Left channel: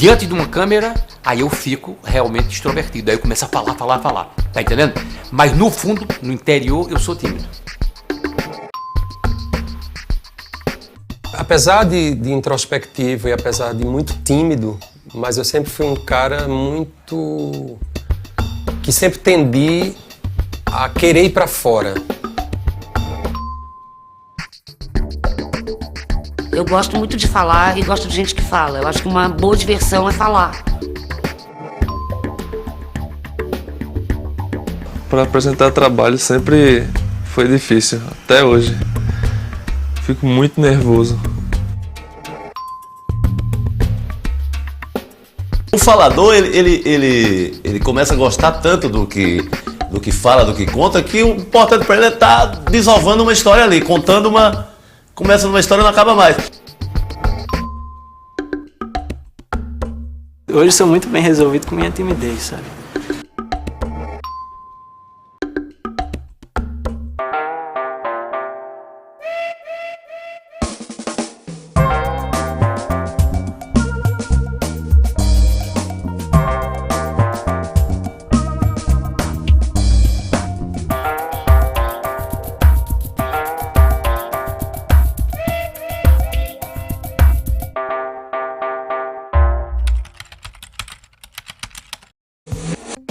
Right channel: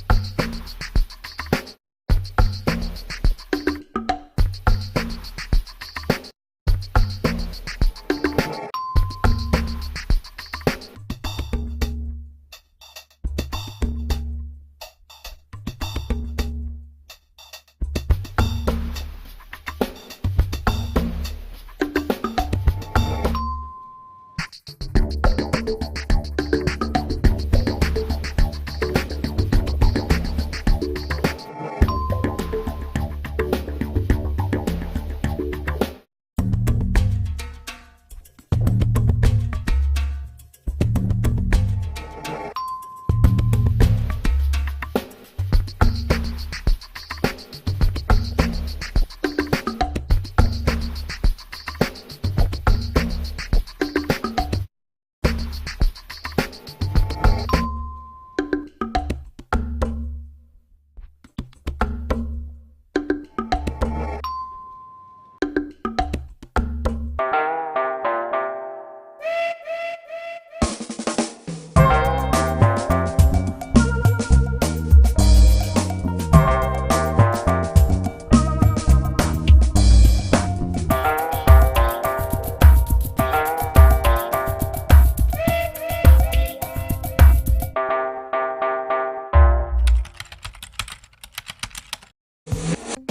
diante de uma câmera, aí eu fico realmente extrovertido. Aí eu começo a falar. Tá entendendo? Mas no fundo, no interior, eu sou tímido. Apesar de introspectivo e apesar de muito tímido, mas eu sempre fui um cara muito... que sempre tendi a querer ir pra fora. Eu gosto muito de falar e gosto de gente que fala. Eu acho que uma boa diversão é falar. Para apresentar trabalho sempre foi difícil, até hoje. Fico muito nervoso. O falador, ele começa a gostar tanto do que fala, do que conta, que o importante para ele é estar desovando uma história ali, contando uma... Começa numa história e não acaba mais. Hoje sou muito bem resolvido com minha timidez, sabe?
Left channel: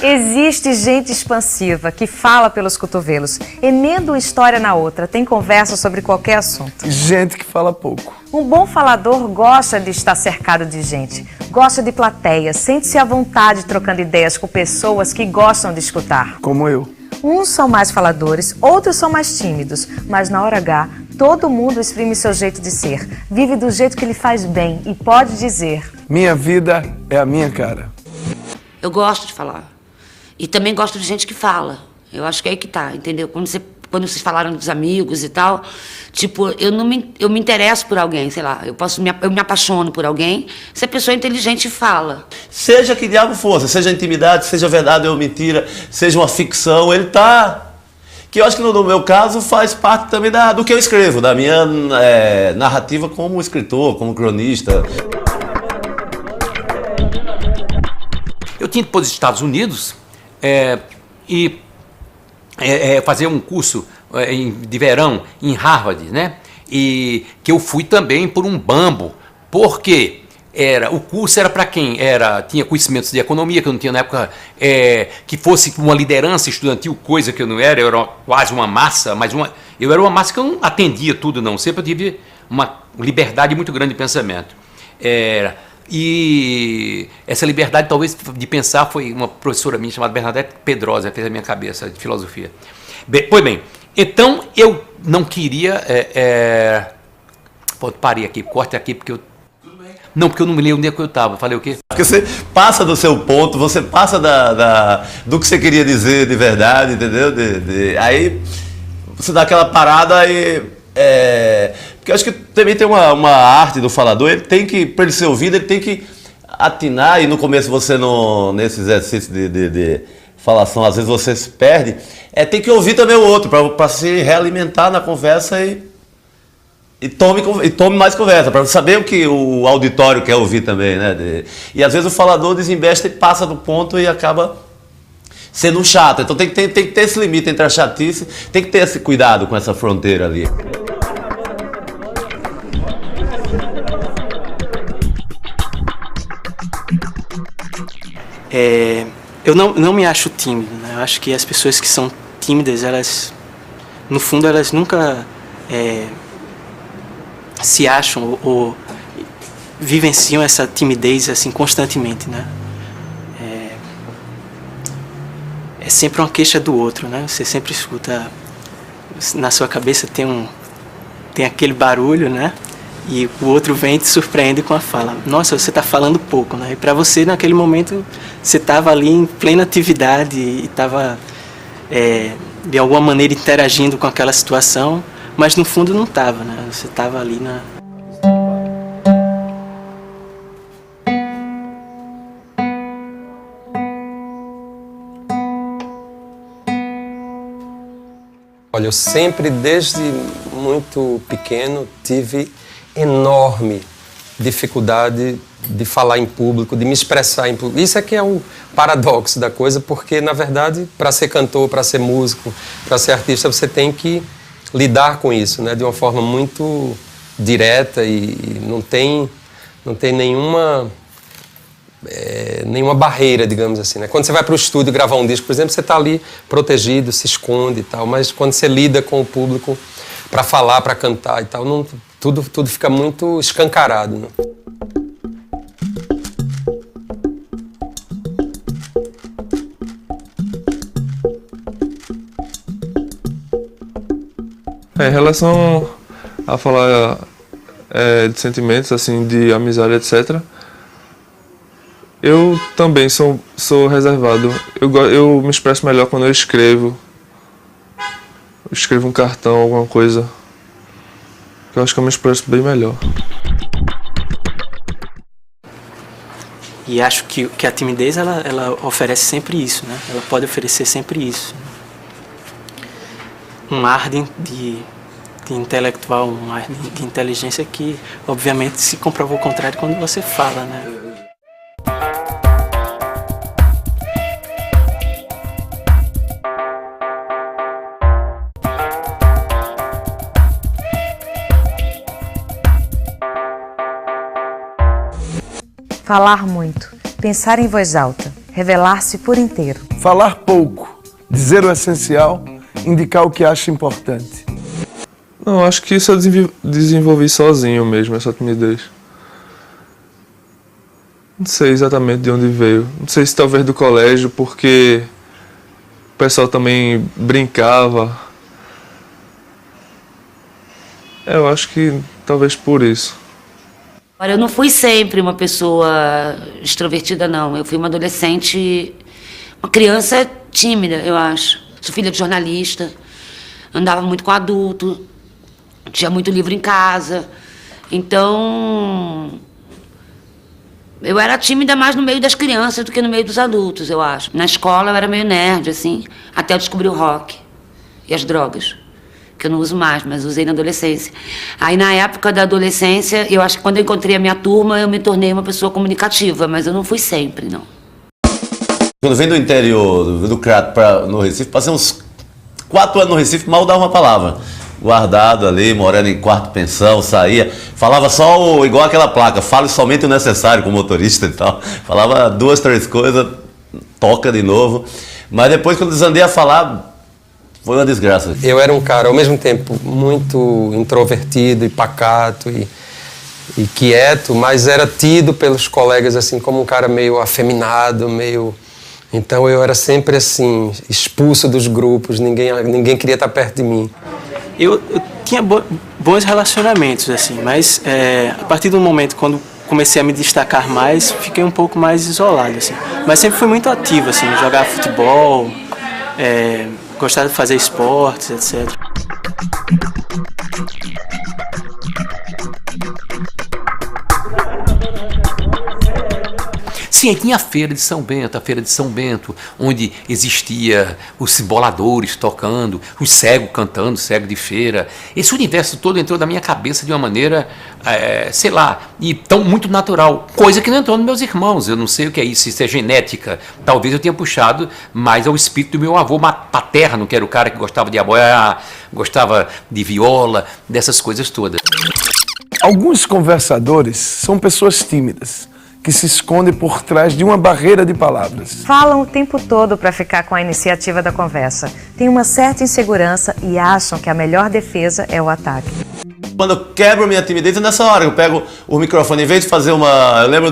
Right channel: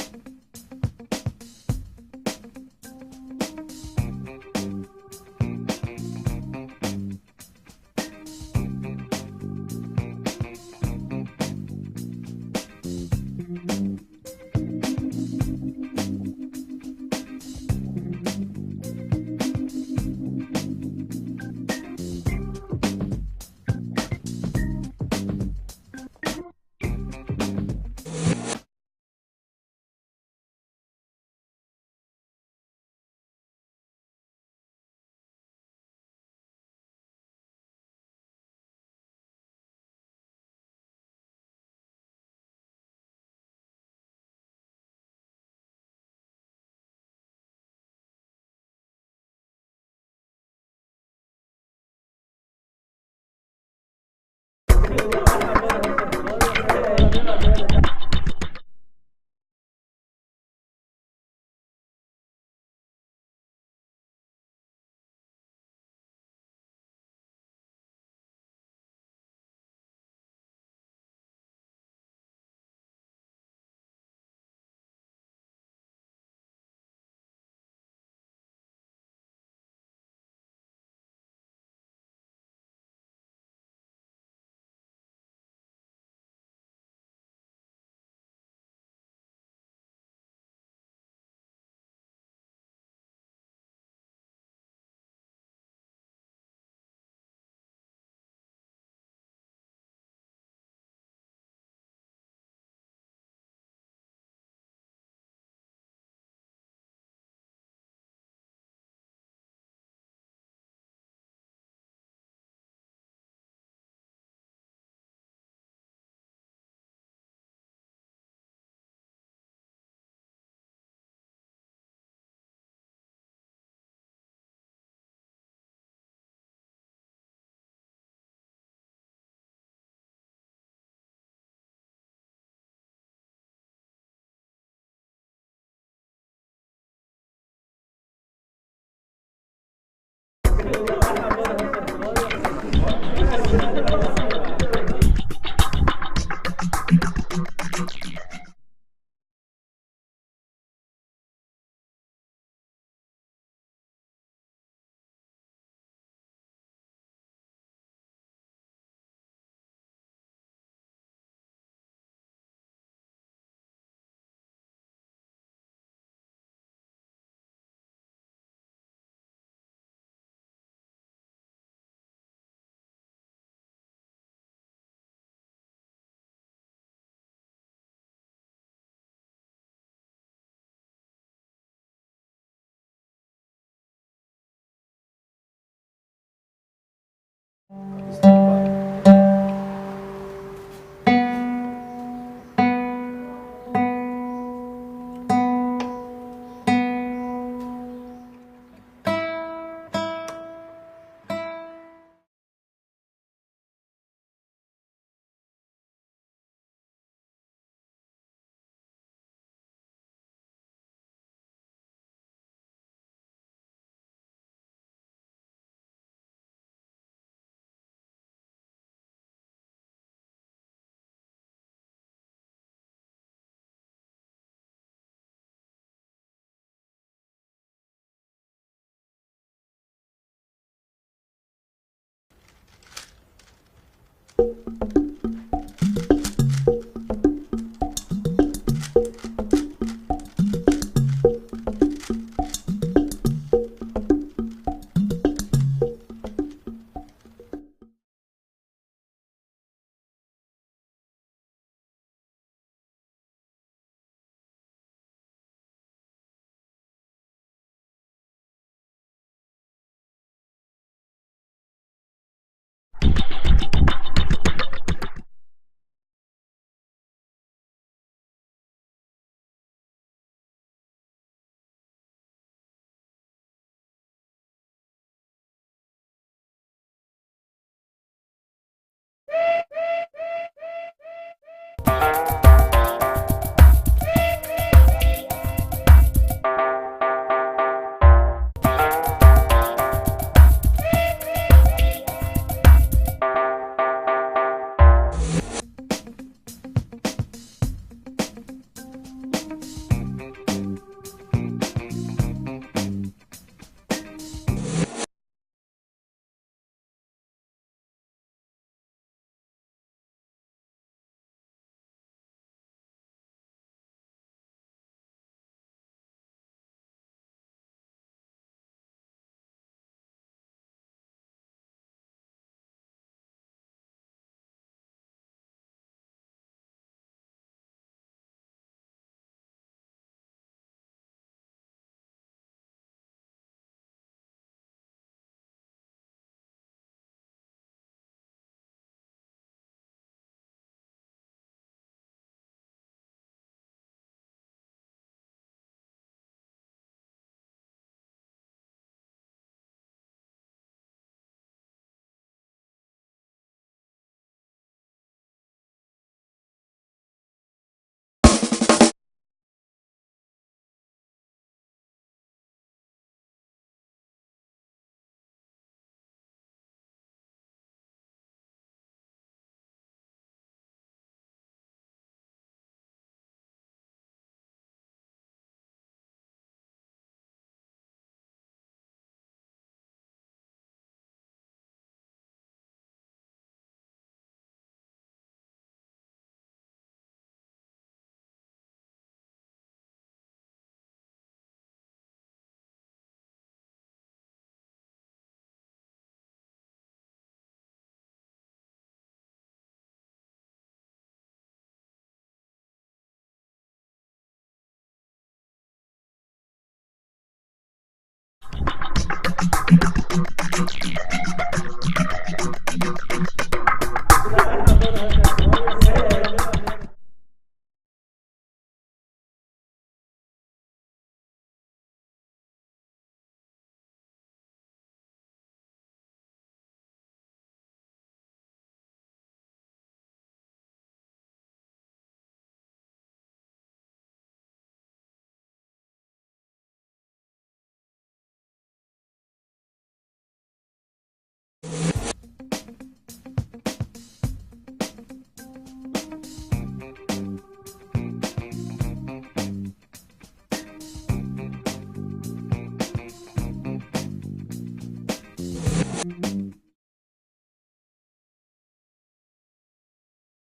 Existe gente expansiva que fala pelos cotovelos, emenda uma história na outra, tem conversa sobre qualquer assunto. Gente que fala pouco. Um bom falador gosta de estar cercado de gente, gosta de plateia, sente-se à vontade trocando ideias com pessoas que gostam de escutar. Como eu. Uns são mais faladores, outros são mais tímidos, mas na hora H, todo mundo exprime seu jeito de ser, vive do jeito que lhe faz bem e pode dizer: minha vida é a minha cara. Eu gosto de falar. E também gosto de gente que fala. Eu acho que é aí que tá, entendeu? Quando vocês falaram dos amigos e tal, tipo, eu me interesso por alguém, sei lá, eu me apaixono por alguém, se a pessoa é inteligente e fala. Seja que diabo fosse, seja intimidade, seja verdade ou mentira, seja uma ficção, ele tá... Que eu acho que no meu caso faz parte também do que eu escrevo, da minha narrativa como escritor, como cronista. Eu tinha ido para os Estados Unidos e fazer um curso de verão em Harvard, né? E que eu fui também por um bambo, porque o curso era para quem tinha conhecimentos de economia, que eu não tinha na época, que fosse uma liderança estudantil, coisa que eu não era, eu era quase uma massa, mas eu era uma massa que eu não atendia tudo não, sempre eu tive uma liberdade muito grande de pensamento. E essa liberdade, talvez, de pensar, foi uma professora minha chamada Bernadette Pedrosa, fez a minha cabeça de filosofia. Pois bem, então eu não queria... parei aqui, corte aqui, porque eu... Não, porque eu não me lembro onde é que eu estava. Falei o quê? Porque você passa do seu ponto, você passa do que você queria dizer de verdade, entendeu? Aí você dá aquela parada e... Porque eu acho que também tem uma arte do falador, ele tem que, para ele ser ouvido, ele tem que atinar, e no começo você nesse exercício de falação, às vezes você se perde, tem que ouvir também o outro, para se realimentar na conversa e tome mais conversa, para saber o que o auditório quer ouvir também, né? E às vezes o falador desinveste e passa do ponto e acaba sendo um chato. Então tem que ter esse limite entre a chatice, tem que ter esse cuidado com essa fronteira ali. Eu não me acho tímido, né? Eu acho que as pessoas que são tímidas, elas, no fundo, elas nunca se acham ou vivenciam essa timidez assim constantemente, né? É sempre uma queixa do outro, né? Você sempre escuta, na sua cabeça tem aquele barulho, né? E o outro vem e te surpreende com a fala. Nossa, você está falando pouco, né? E para você, naquele momento, você estava ali em plena atividade e estava, de alguma maneira, interagindo com aquela situação, mas no fundo não estava, né? Você estava ali na... Olha, eu sempre, desde muito pequeno, tive enorme dificuldade de falar em público, de me expressar em público. Isso é que é o paradoxo da coisa, porque, na verdade, para ser cantor, para ser músico, para ser artista, você tem que lidar com isso, né? De uma forma muito direta e não tem nenhuma barreira, digamos assim, né? Quando você vai para o estúdio gravar um disco, por exemplo, você está ali protegido, se esconde e tal, mas quando você lida com o público para falar, para cantar e tal, tudo fica muito escancarado, né? Em relação a falar de sentimentos, assim, de amizade, etc., eu também sou reservado. Eu me expresso melhor quando eu escrevo. Eu escrevo um cartão, alguma coisa. Eu acho que eu me expresso bem melhor. E acho que a timidez, ela oferece sempre isso, né? Ela pode oferecer sempre isso. Um ar de intelectual, um ar de inteligência que, obviamente, se comprova o contrário quando você fala, né? Falar muito, pensar em voz alta, revelar-se por inteiro. Falar pouco, dizer o essencial, indicar o que acha importante. Não, acho que isso eu desenvolvi sozinho mesmo, essa timidez. Não sei exatamente de onde veio. Não sei se talvez do colégio, porque o pessoal também brincava. Eu acho que talvez por isso. Olha, eu não fui sempre uma pessoa extrovertida, não. Eu fui uma adolescente, uma criança tímida, eu acho. Sou filha de jornalista, andava muito com adulto, tinha muito livro em casa. Então, eu era tímida mais no meio das crianças do que no meio dos adultos, eu acho. Na escola eu era meio nerd, assim, até eu descobri o rock e as drogas, que eu não uso mais, mas usei na adolescência. Aí, na época da adolescência, eu acho que quando eu encontrei a minha turma, eu me tornei uma pessoa comunicativa, mas eu não fui sempre, não. Quando vem do interior, do Crato no Recife, passei uns 4 anos no Recife, mal dava uma palavra. Guardado ali, morando em quarto pensão, saía, falava só igual aquela placa, fale somente o necessário com o motorista e tal. Falava 2, 3 coisas, toca de novo. Mas depois, quando desandei a falar, foi uma desgraça. Eu era um cara, ao mesmo tempo, muito introvertido e pacato e quieto, mas era tido pelos colegas assim como um cara meio afeminado, meio... Então eu era sempre assim, expulso dos grupos, ninguém queria estar perto de mim. Eu tinha bons relacionamentos, assim, mas a partir do momento quando comecei a me destacar mais, fiquei um pouco mais isolado, assim. Mas sempre fui muito ativo, assim, jogar futebol, gostar de fazer esportes, etc. Sim, aí tinha a Feira de São Bento, onde existia os boladores tocando, os cegos cantando, cego de feira. Esse universo todo entrou na minha cabeça de uma maneira, sei lá, e tão muito natural, coisa que não entrou nos meus irmãos. Eu não sei o que é isso, isso é genética. Talvez eu tenha puxado mais ao espírito do meu avô paterno, que era o cara que gostava de aboiar, gostava de viola, dessas coisas todas. Alguns conversadores são pessoas tímidas, que se esconde por trás de uma barreira de palavras. Falam o tempo todo para ficar com a iniciativa da conversa. Têm uma certa insegurança e acham que a melhor defesa é o ataque. Quando eu quebro minha timidez, é nessa hora. Eu pego o microfone, em vez de fazer uma... Eu lembro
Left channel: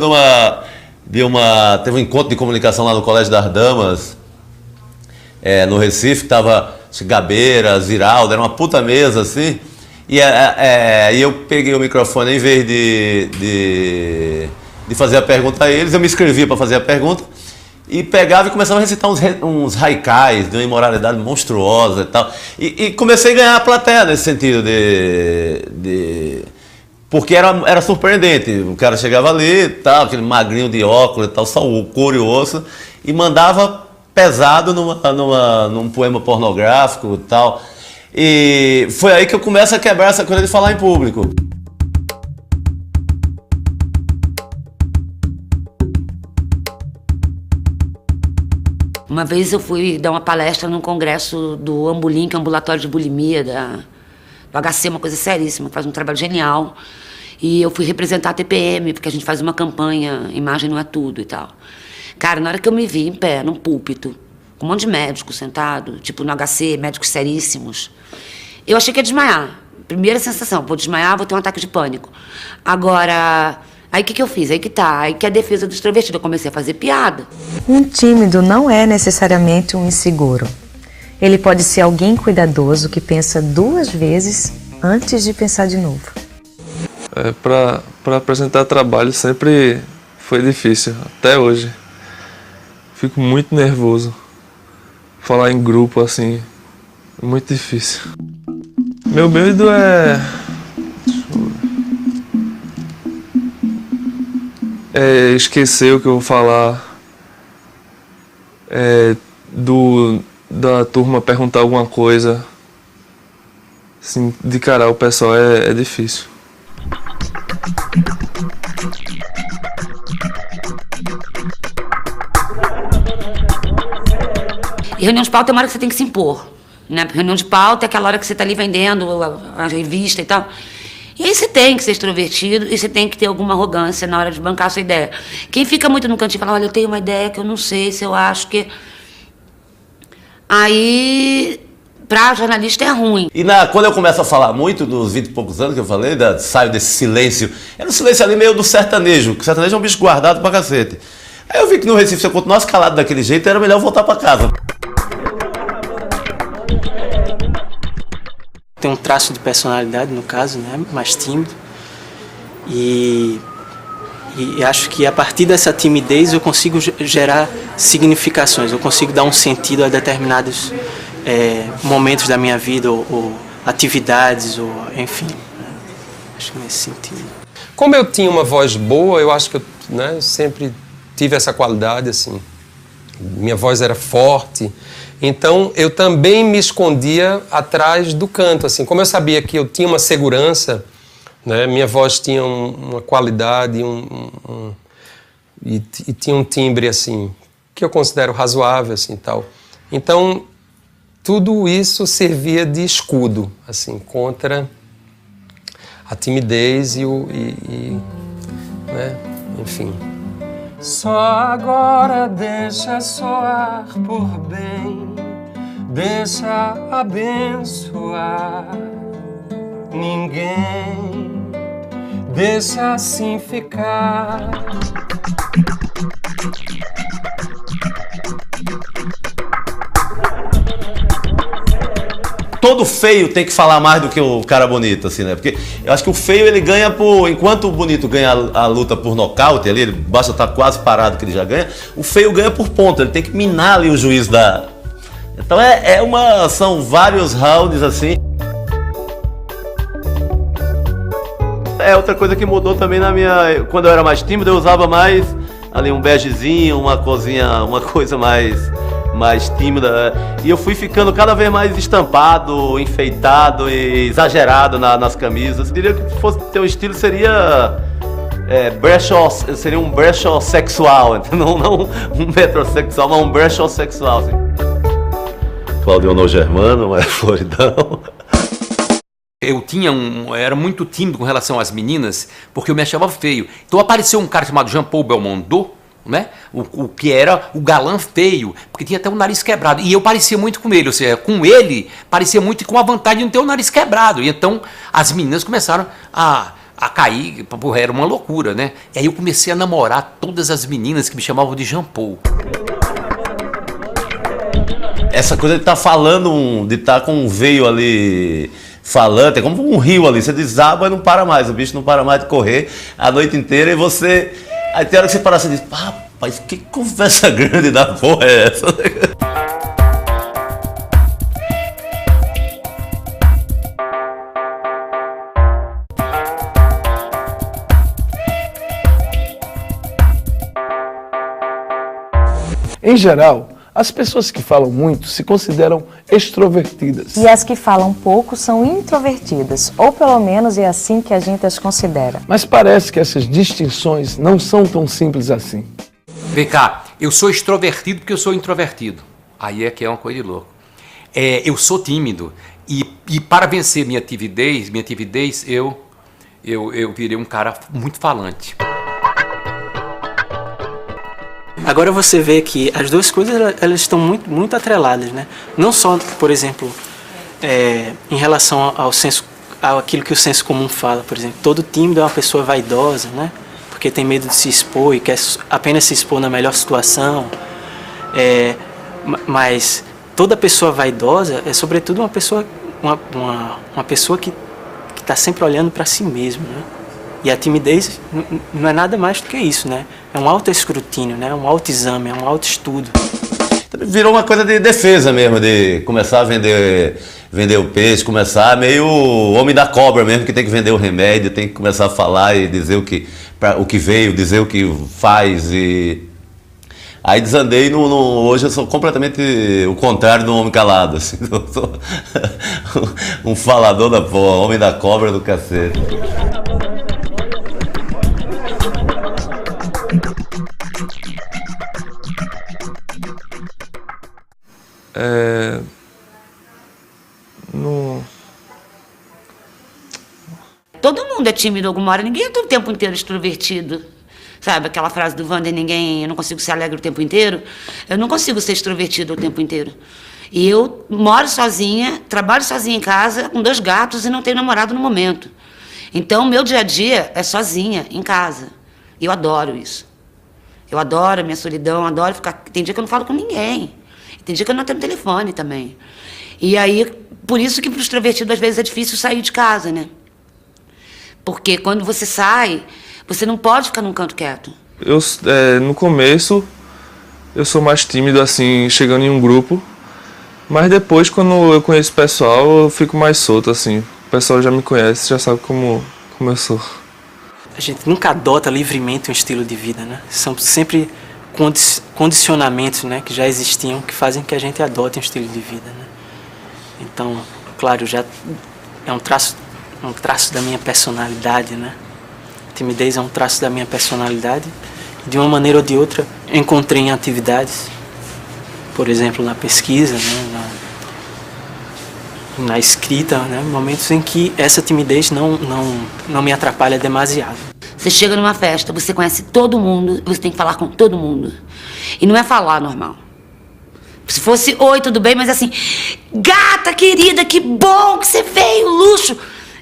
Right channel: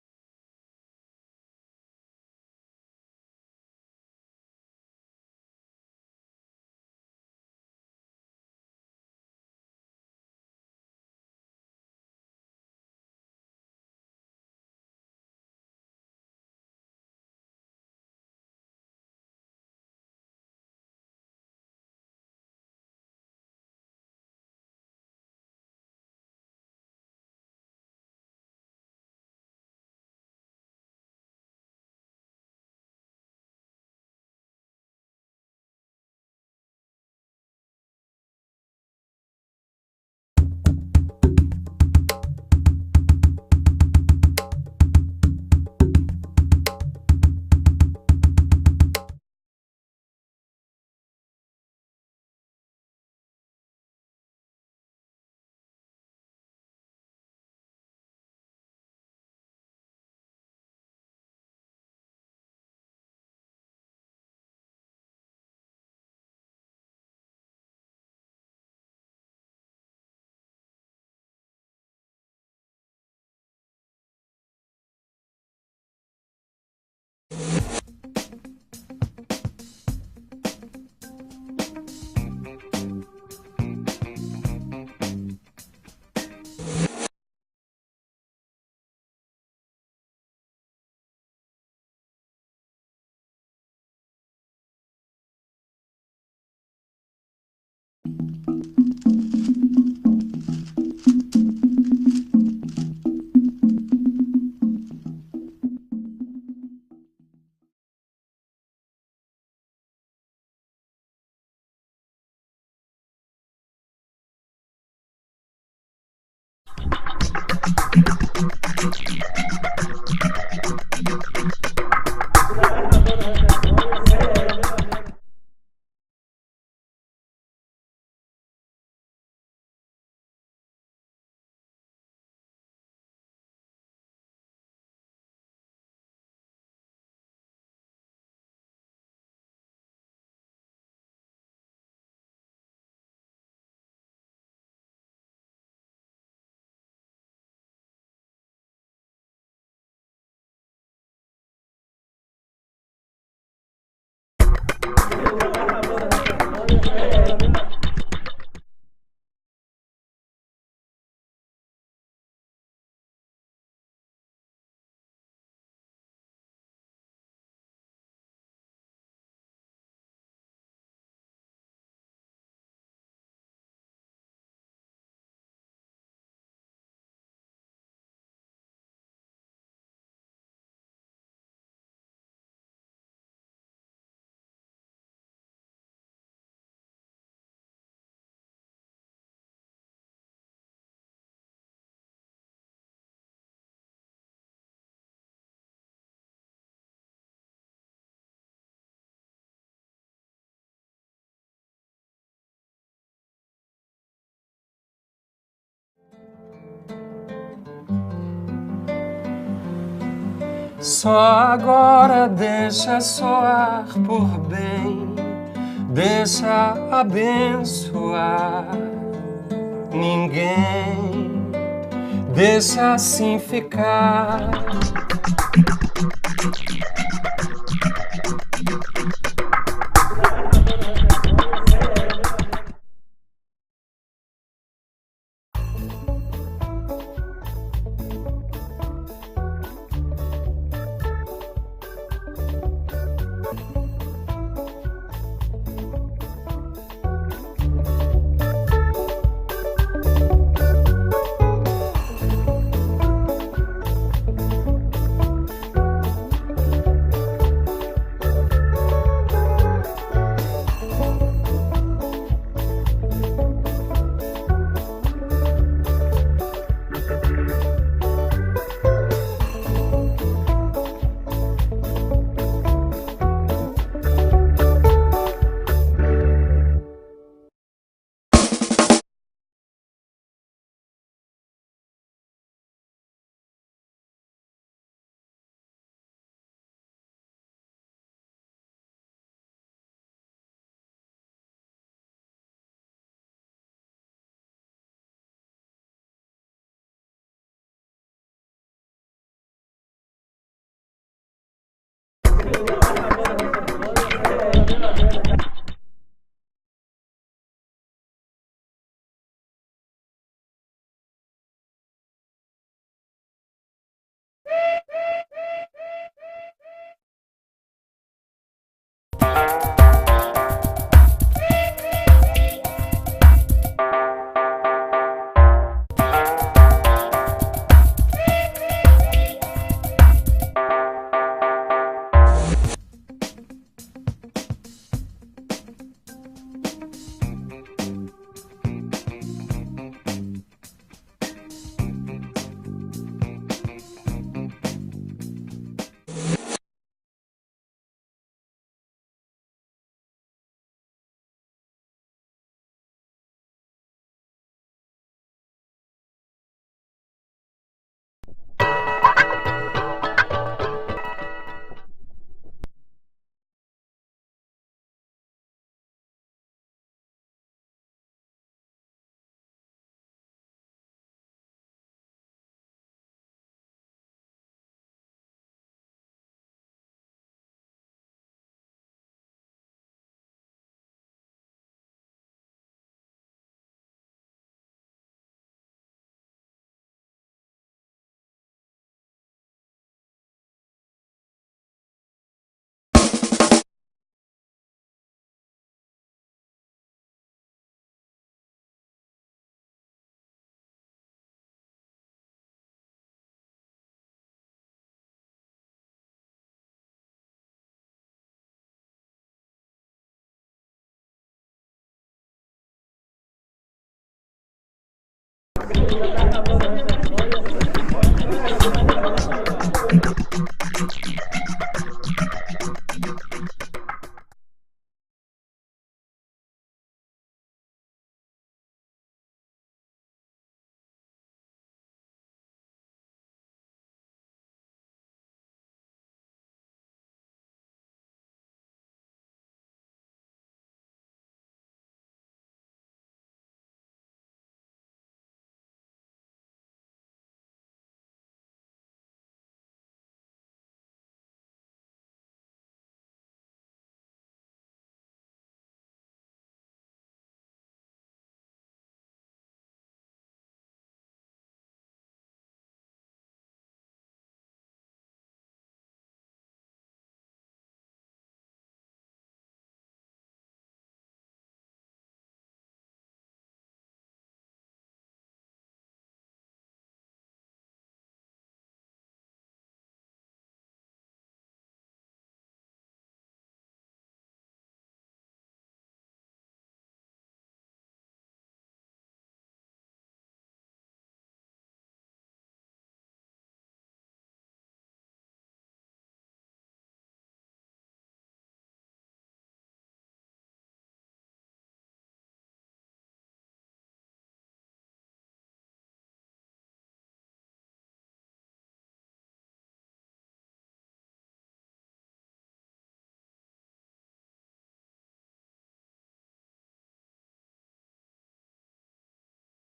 teve um encontro de comunicação lá no Colégio das Damas, no Recife, que tava Gabeira, Ziraldo, era uma puta mesa, assim. E eu peguei o microfone, em vez de fazer a pergunta a eles, eu me inscrevia para fazer a pergunta e pegava e começava a recitar uns haikais de uma imoralidade monstruosa e tal. E comecei a ganhar a plateia nesse sentido porque era surpreendente. O cara chegava ali, tal, aquele magrinho de óculos e tal, só o couro e o osso, e mandava pesado num poema pornográfico e tal. E foi aí que eu começo a quebrar essa coisa de falar em público. Uma vez eu fui dar uma palestra num congresso do Ambulim, que é um ambulatório de bulimia, do HC, uma coisa seríssima, faz um trabalho genial. E eu fui representar a TPM, porque a gente faz uma campanha, imagem não é tudo e tal. Cara, na hora que eu me vi em pé, num púlpito, com um monte de médicos sentados, tipo no HC, médicos seríssimos, eu achei que ia desmaiar. Primeira sensação, vou desmaiar, vou ter um ataque de pânico. Agora, aí o que eu fiz? Aí que tá, aí que é a defesa do extrovertido. Eu comecei a fazer piada. Um tímido não é necessariamente um inseguro. Ele pode ser alguém cuidadoso que pensa 2 vezes antes de pensar de novo. Para apresentar trabalho sempre foi difícil, até hoje. Fico muito nervoso. Falar em grupo, assim, é muito difícil. Meu medo é esquecer o que eu vou falar, da turma perguntar alguma coisa. Assim, de cara, o pessoal é difícil. E reunião de pauta é uma hora que você tem que se impor, né? Reunião de pauta é aquela hora que você está ali vendendo a revista e tal. E aí você tem que ser extrovertido e você tem que ter alguma arrogância na hora de bancar a sua ideia. Quem fica muito no cantinho e fala, olha, eu tenho uma ideia que eu não sei se eu acho que... Aí, pra jornalista é ruim. E quando eu começo a falar muito, dos 20 e poucos anos que eu falei, saio desse silêncio, era um silêncio ali meio do sertanejo, que o sertanejo é um bicho guardado pra cacete. Aí eu vi que no Recife, se eu continuasse calado daquele jeito, era melhor voltar pra casa. Tem um traço de personalidade, no caso, né? Mais tímido. E acho que a partir dessa timidez eu consigo gerar significações, eu consigo dar um sentido a determinados momentos da minha vida, ou atividades, ou enfim. Né? Acho que nesse sentido. Como eu tinha uma voz boa, eu acho que eu sempre tive essa qualidade, assim. Minha voz era forte. Então, eu também me escondia atrás do canto, assim. Como eu sabia que eu tinha uma segurança, né? Minha voz tinha uma qualidade e tinha um timbre, assim, que eu considero razoável, assim, tal. Então, tudo isso servia de escudo, assim, contra a timidez né? Enfim. Só agora deixa soar por bem, deixa abençoar ninguém, deixa assim ficar. Todo feio tem que falar mais do que o cara bonito, assim, né? Porque eu acho que o feio, ele ganha enquanto o bonito ganha a luta por nocaute ali, ele basta estar quase parado que ele já ganha, o feio ganha por ponto, ele tem que minar ali o juiz da... Então são vários rounds, assim. Outra coisa que mudou também quando eu era mais tímido, eu usava mais ali um begezinho, uma coisa mais tímida, e eu fui ficando cada vez mais estampado, enfeitado e exagerado nas camisas. Eu diria que se fosse ter um estilo seria seria um brechó sexual, não um metrosexual, mas um brechó sexual. Claudio Germano, mas Floridão. Eu era muito tímido com relação às meninas, porque eu me achava feio. Então apareceu um cara chamado Jean-Paul Belmondo, né? O que era o galã feio, porque tinha até o nariz quebrado. E eu parecia muito com ele, ou seja, com ele parecia muito com a vantagem de não ter o nariz quebrado. E então as meninas começaram a cair, era uma loucura, né? E aí eu comecei a namorar todas as meninas que me chamavam de Jean-Paul. Essa coisa de estar falando, de estar com um veio ali falante, é como um rio ali, você desaba e não para mais, o bicho não para mais de correr a noite inteira e você... Aí tem hora que você para assim e diz, rapaz, que conversa grande da porra é essa? Em geral, as pessoas que falam muito se consideram extrovertidas. E as que falam pouco são introvertidas, ou pelo menos é assim que a gente as considera. Mas parece que essas distinções não são tão simples assim. Vem cá, eu sou extrovertido porque eu sou introvertido. Aí é que é uma coisa de louco. Eu sou tímido e para vencer minha timidez, eu virei um cara muito falante. Agora você vê que as duas coisas elas estão muito atreladas, né? Não só, por exemplo, em relação àquilo que o senso comum fala, por exemplo, todo tímido é uma pessoa vaidosa, né? Porque tem medo de se expor e quer apenas se expor na melhor situação. Mas toda pessoa vaidosa é sobretudo uma pessoa que está sempre olhando para si mesmo, né? E a timidez não é nada mais do que isso, né? É um autoescrutínio, né? Um autoexame, é um autoestudo. Virou uma coisa de defesa mesmo, de começar a vender o peixe, começar meio homem da cobra mesmo, que tem que vender o remédio, tem que começar a falar e dizer o que veio, dizer o que faz. Aí desandei, hoje eu sou completamente o contrário do homem calado. Assim, eu sou um falador da porra, homem da cobra do cacete. Todo mundo é tímido alguma hora, ninguém é o tempo inteiro extrovertido. Sabe, aquela frase do Wander, eu não consigo ser alegre o tempo inteiro. Eu não consigo ser extrovertido o tempo inteiro. E eu moro sozinha, trabalho sozinha em casa, com 2 gatos e não tenho namorado no momento. Então, meu dia a dia é sozinha, em casa. E eu adoro isso. Eu adoro a minha solidão, adoro ficar... Tem dia que eu não falo com ninguém. Tem dia que eu não atendo telefone também. E aí, por isso que para o extrovertido, às vezes, é difícil sair de casa, né? Porque quando você sai, você não pode ficar num canto quieto. No começo, eu sou mais tímido, assim, chegando em um grupo. Mas depois, quando eu conheço o pessoal, eu fico mais solto, assim. O pessoal já me conhece, já sabe como eu sou. A gente nunca adota livremente um estilo de vida, né? São sempre condicionamentos, né, que já existiam, que fazem que a gente adote um estilo de vida, né? Então, claro, já é um traço da minha personalidade, né? A timidez é um traço da minha personalidade. De uma maneira ou de outra, encontrei em atividades, por exemplo, na pesquisa, né, na escrita, né, momentos em que essa timidez não me atrapalha demasiado. Você chega numa festa, você conhece todo mundo, você tem que falar com todo mundo. E não é falar normal. Se fosse, oi, tudo bem, mas assim, gata querida, que bom que você veio, luxo.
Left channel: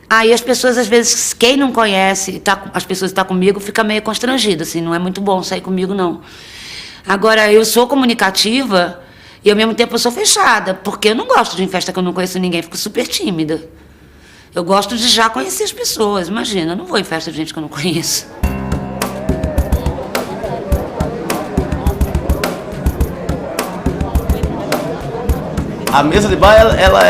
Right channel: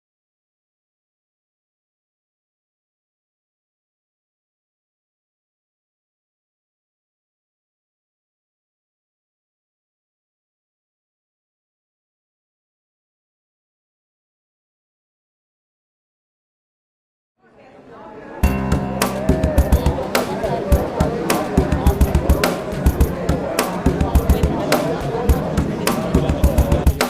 Aí as pessoas, às vezes, quem não conhece, as pessoas que estão comigo, fica meio constrangida, assim, não é muito bom sair comigo, não. Agora, eu sou comunicativa e, ao mesmo tempo, eu sou fechada, porque eu não gosto de ir em festa que eu não conheço ninguém, fico super tímida. Eu gosto de já conhecer as pessoas, imagina, eu não vou em festa de gente que eu não conheço. A mesa de bar, ela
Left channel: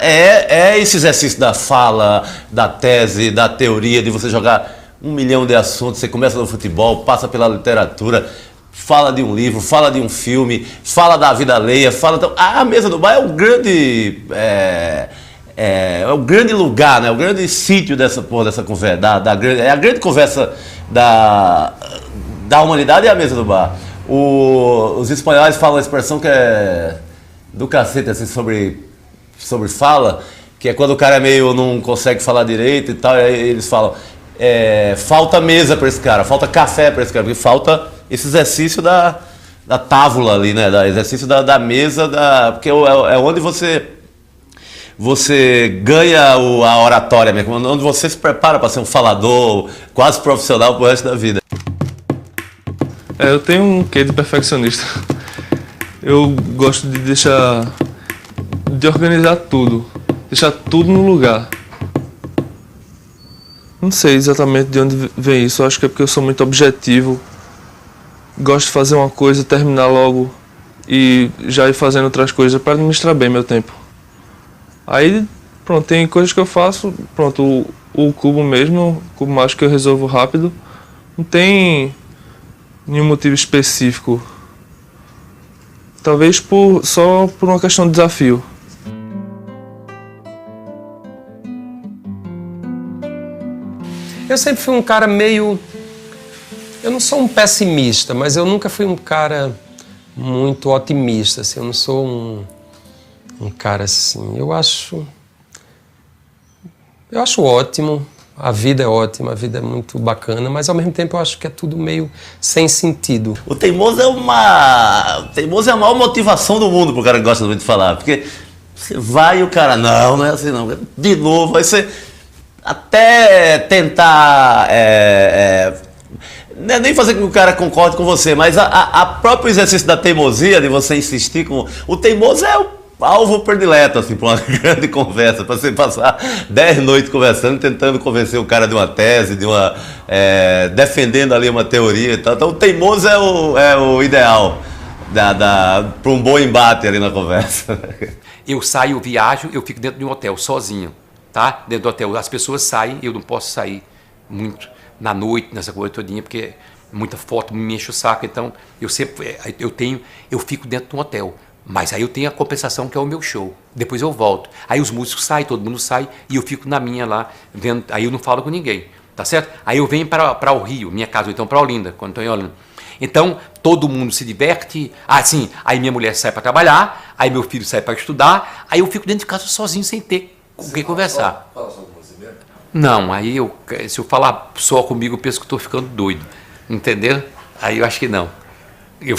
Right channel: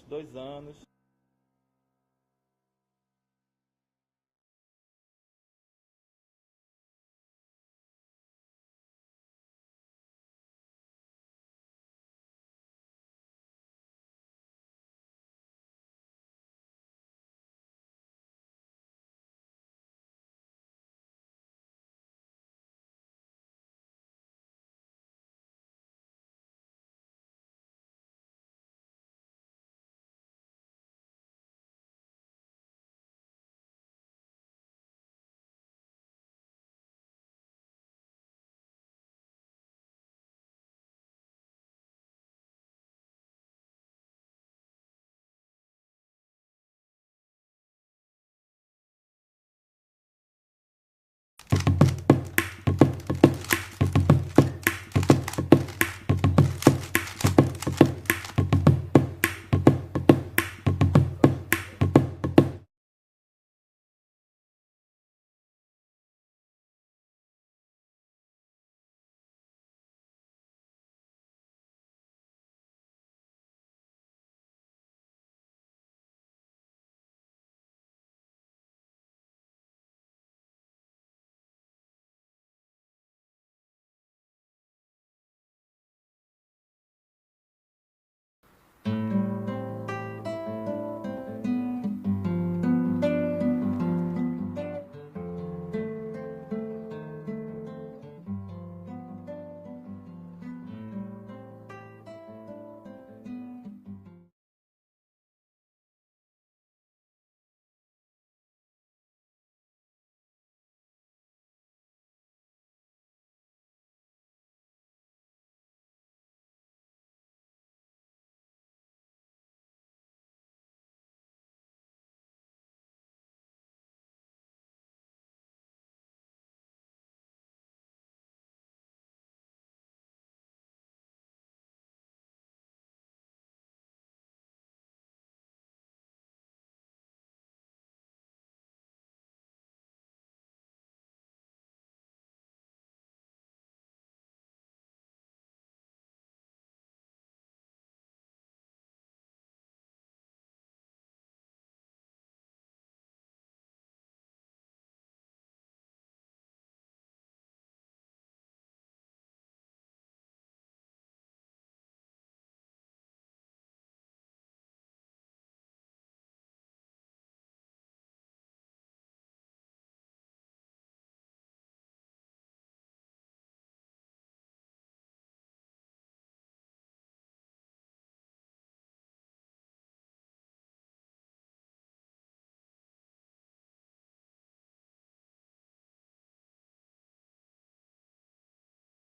é esse exercício da fala, da tese, da teoria, de você jogar 1 milhão de assuntos. Você começa no futebol, passa pela literatura, fala de um livro, fala de um filme, fala da vida alheia, a mesa do bar é o grande... É o grande lugar, né? O grande sítio dessa conversa, é a grande conversa da humanidade, é a mesa do bar. Os espanhóis falam a expressão que é do cacete, assim, sobre fala, que é quando o cara não consegue falar direito e tal, e aí eles falam, falta mesa para esse cara, falta café para esse cara, porque falta esse exercício da távola ali, né? Exercício da mesa, porque é onde você ganha a oratória mesmo, onde você se prepara para ser um falador quase profissional pro resto da vida. Eu tenho um quê de perfeccionista. Eu gosto de organizar tudo, deixar tudo no lugar. Não sei exatamente de onde vem isso, acho que é porque eu sou muito objetivo. Gosto de fazer uma coisa, terminar logo e já ir fazendo outras coisas para administrar bem meu tempo. Aí, pronto, tem coisas que eu faço, pronto, o cubo mesmo, o cubo mágico que eu resolvo rápido. Não tem nenhum motivo específico. Talvez só por uma questão de desafio. Eu sempre fui um cara meio Eu não sou um pessimista, mas eu nunca fui um cara muito otimista, assim. Eu não sou um cara assim. Eu acho ótimo. A vida é ótima, a vida é muito bacana, mas ao mesmo tempo eu acho que é tudo meio sem sentido. O teimoso é a maior motivação do mundo pro cara que gosta muito de falar. Porque você vai e o cara, não é assim não. De novo, aí você até tentar... nem fazer com que o cara concorde com você, mas a próprio exercício da teimosia, de você insistir com... O teimoso é o alvo predileto, assim, para uma grande conversa, para você passar 10 noites conversando, tentando convencer o cara de uma tese, defendendo ali uma teoria e tal. Então o teimoso é o ideal para um bom embate ali na conversa. Eu saio, eu viajo, eu fico dentro de um hotel, sozinho, tá? Dentro do hotel. As pessoas saem, eu não posso sair muito na noite, nessa coisa todinha, porque muita foto me enche o saco. Então, eu fico dentro de um hotel. Mas aí eu tenho a compensação, que é o meu show. Depois eu volto. Aí os músicos saem, todo mundo sai, e eu fico na minha lá, vendo. Aí eu não falo com ninguém, tá certo? Aí eu venho para o Rio, minha casa, ou então para Olinda, quando estou em Olinda. Então, todo mundo se diverte. Sim, aí minha mulher sai para trabalhar, aí meu filho sai para estudar, aí eu fico dentro de casa sozinho, sem ter com quem conversar. Fala só com você mesmo? Não, aí se eu falar só comigo, eu penso que estou ficando doido, entendeu? Aí eu acho que não. Eu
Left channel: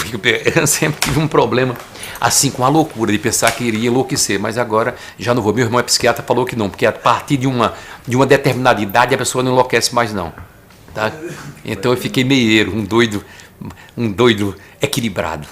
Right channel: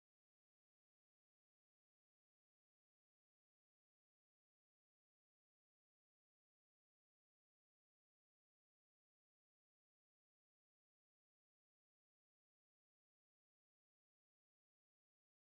sempre tive um problema, assim, com a loucura, de pensar que iria enlouquecer, mas agora já não vou. Meu irmão é psiquiatra, falou que não, porque a partir de uma determinada idade a pessoa não enlouquece mais não. Tá? Então eu fiquei meieiro, um doido equilibrado.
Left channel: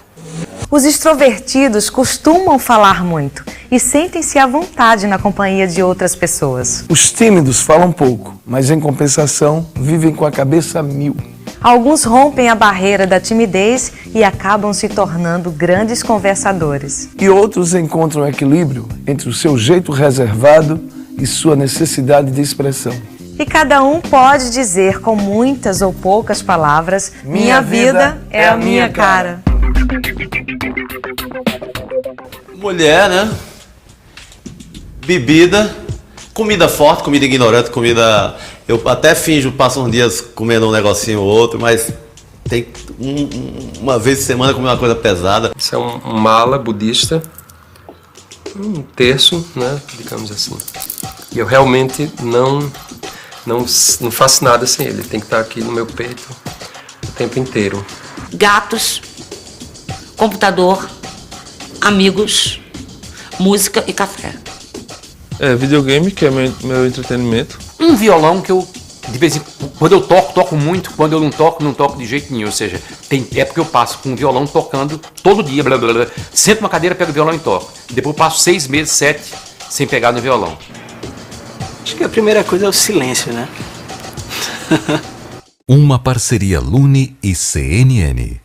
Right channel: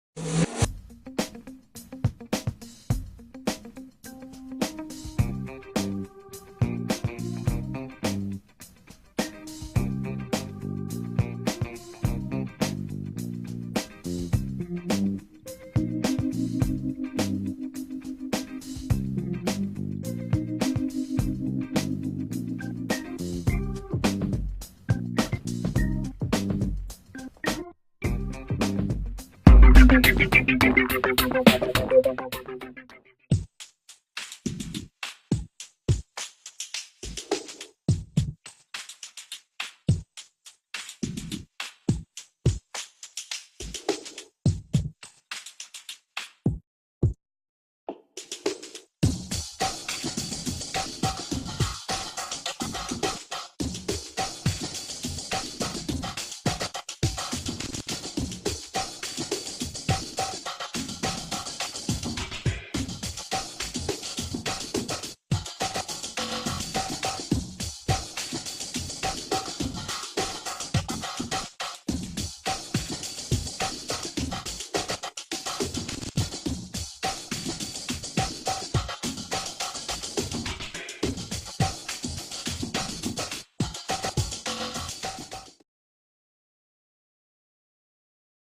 Os extrovertidos costumam falar muito e sentem-se à vontade na companhia de outras pessoas. Os tímidos falam pouco, mas em compensação vivem com a cabeça a mil. Alguns rompem a barreira da timidez e acabam se tornando grandes conversadores. E outros encontram equilíbrio entre o seu jeito reservado e sua necessidade de expressão. E cada um pode dizer com muitas ou poucas palavras: minha vida é a minha cara. Mulher, né? Bebida, comida forte, comida ignorante, comida... Eu até finjo, passo uns dias comendo um negocinho ou outro, mas tem uma vez por semana comer uma coisa pesada. Isso é um mala budista, um terço, né, digamos assim. E eu realmente não faço nada sem ele, tem que estar aqui no meu peito o tempo inteiro. Gatos, computador, amigos, música e café. Videogame, que é meu entretenimento. Um violão que eu, de vez em quando eu toco muito, quando eu não toco de jeito nenhum. Ou seja, tem época que eu passo com um violão tocando todo dia, blá, blá, blá. Sento uma cadeira, pego o violão e toco. Depois eu passo 6 meses, 7, sem pegar no violão. Acho que a primeira coisa é o silêncio, né? Uma parceria Lune e CNN.